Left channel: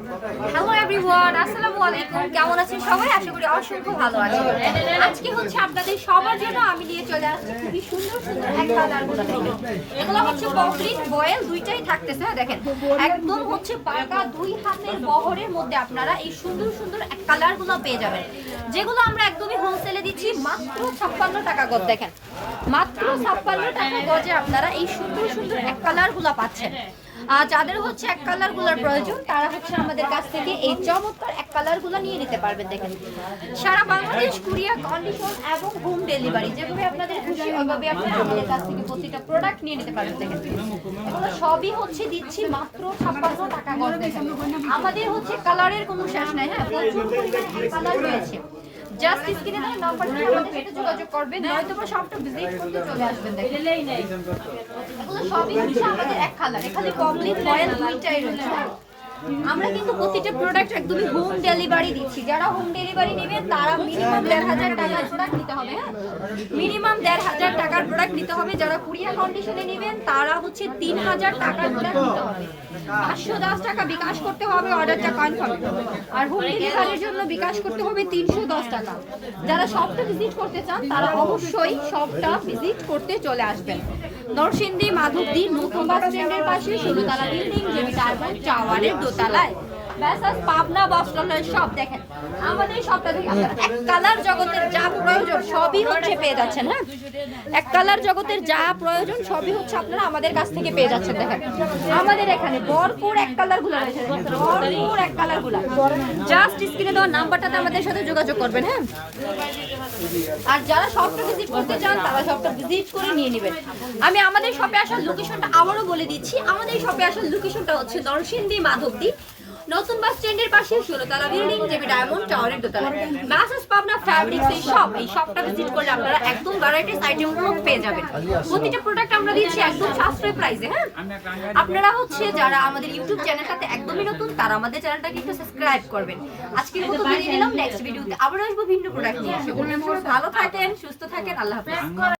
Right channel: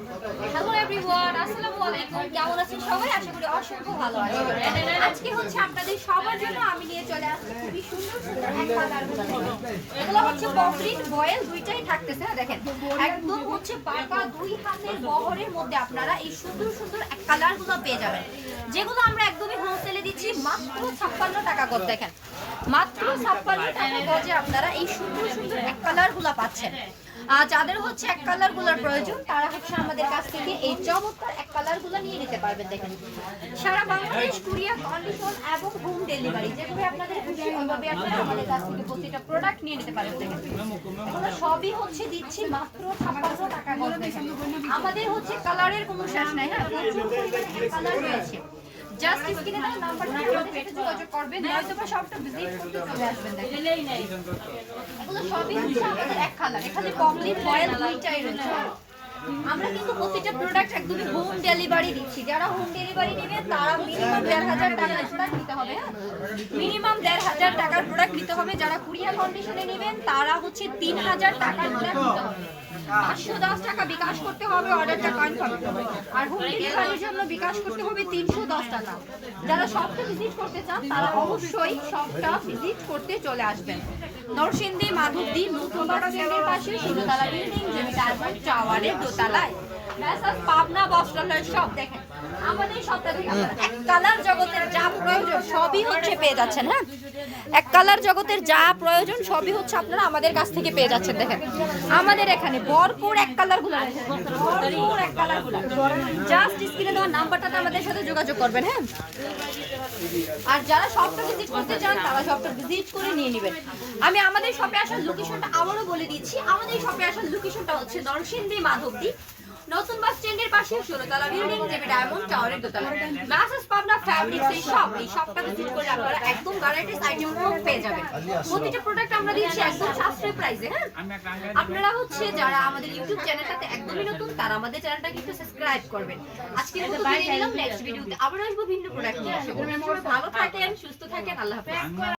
Hello everyone আসসালামু আলাইকুম। কেমন আছেন সবাই? আশা করি অসংখ্য ভালো আছেন। আজকে হচ্ছে আপনাদের সবার জন্য আমি নিয়ে চলে আসছি খুবই সুন্দর সুন্দর এক কালারগুলো এগুলো হচ্ছে কমপ্লিট বয়েল দুইটাই থাকতেছে। হ্যাঁ, দেখেন একদম হচ্ছে পাকা দুই হাতের বহরের মধ্যে আপনারা এই সুন্দর সুন্দর এক কালারগুলো পেয়ে যাবেন। যেগুলো আমরা একদমই হোলসেলে দিচ্ছি মাত্র ছাপ্পান্ন টাকা গজ দেখেন। মাত্র ছাপ্পান্ন টাকা গজে আপনারা এই সুন্দর সুন্দর এক কালারগুলো পাচ্ছেন। যাদের হচ্ছে এক কালারগুলার প্রয়োজন, তারা হচ্ছে আমাদের কাছ থেকে এই চমৎকার এক কালারগুলো নিয়ে নিতে পারবেন, দেখেন। সারা বাংলাদেশ কুরিয়া কন্ডিশন এবং হোম ডেলিভারি যেভাবে আপনাদের খুশি, ওইভাবে আপনারা আমাদের কাছ থেকে প্রতিটা প্রোডাক্ট নিয়ে নিতে পারবেন, দেখেন। এগুলো সবই হচ্ছে দিচ্ছি মাত্র ছাপ্পান্ন টাকা গজ, দেখেন। আমাদের হচ্ছে কালারের কোনো শেষ নাই হ্যাঁ প্রচুর পরিমাণে কালার রয়েছে। জাস্ট স্ক্রিনে দেওয়া নাম্বারটা আমাদের সাথে যোগাযোগ করবেন নয়তো বা সবটা ভিজিট করতে চলে আসবেন দেখেন। এগুলো সবই হচ্ছে আমাদের এক কালার এখানে কমপ্লিট মডেল দুইটাই রয়েছে। আমরা কিন্তু প্রতিটা প্রোডাক্ট একদমই হোম ডেলিভারি দিচ্ছি। যারা হোম ডেলিভারি নেবেন, তারা মিনিমাম দেড় হাজার টাকার প্রোডাক্ট নিতে হবে হ্যাঁ? মিনিমাম দেড় হাজার টাকার প্রোডাক্ট নিতে হবে যারা কুরিয়ার কন্ডিশনে নেবেন, তারা হচ্ছে তিন হাজার টাকার প্রোডাক্ট নিতে হবে। পাঁচশো দশ টাকা বিকাশ করতে হবে অর্ডারটা কনফার্ম আর হোম ডেলিভারির জন্য বিকাশ করতে হবে তিনশো দশ টাকা। যারা সবটা ভিজিট করতে চান, তারা অবশ্যই সবটা ভিজিট করতে চলে আসবেন। নরসিংদী, মাধবদী নতুন বাস স্ট্যান্ডের পাশে ষোলোতলা বিল্ডিং যেমি ডায়মন্ড টাওয়ারের 下来 পাবনা সব দেখেন। এক কালার জগতের যা প্রয়োজন, সবই হচ্ছে পেয়ে যাচ্ছেন হ্যাঁ? এক কালার জগতের যা প্রয়োজন, সবই হচ্ছে আপনারা আমাদের কাছ থেকে পেয়ে যাচ্ছেন, দেখেন। আমাদের এখানে ভরপুর এক কালারগুলো রয়েছে স্ক্রিনে দেওয়া নাম্বারটাতে আমাদের সাথে যোগাযোগ করবেন হ্যাঁ? আর যারা শপটা ভিজিট করতে চান, তারা শপটা ভিজিট করে নিয়ে নেবেন। আমি আমাদের শপে আসার লোকেশনটা আবারও বলে দিচ্ছি। আমাদের শপে আসার লোকেশনটা হচ্ছে নরসিংদী মাধবদী। নতুন বাস স্ট্যান্ডের পাশে ষোলোতলা বিল্ডিং যেবি ডায়মন্ড, টাওয়ারের দোতলা। ম্যাসেজ পাবনা ফ্যাব্রিক্স এই শপ এই শপটা ভিজিট করলে আপনারা একদম ভ্যারাইটিস আইটেমগুলো পেয়ে যাবেন। প্রতিটা প্রোডাক্ট আমরা দিচ্ছি একদম সাশ্রয় প্রাইসে হ্যাঁ? আপনারা হচ্ছে যারা আমাদের ইউটিউব চ্যানেলটাতে একদমই নতুন, তারা আমাদের চ্যানেলটাকে একটু সাবস্ক্রাইব করবেন। আজকের মতো বিদায় নিলাম নেক্সট ভিডিওতে আবার আসব ভিন্ন প্রোডাক্ট নিয়ে। এসে ভালো থাকেন, সুস্থ থাকেন, আল্লাহ হাফেজ।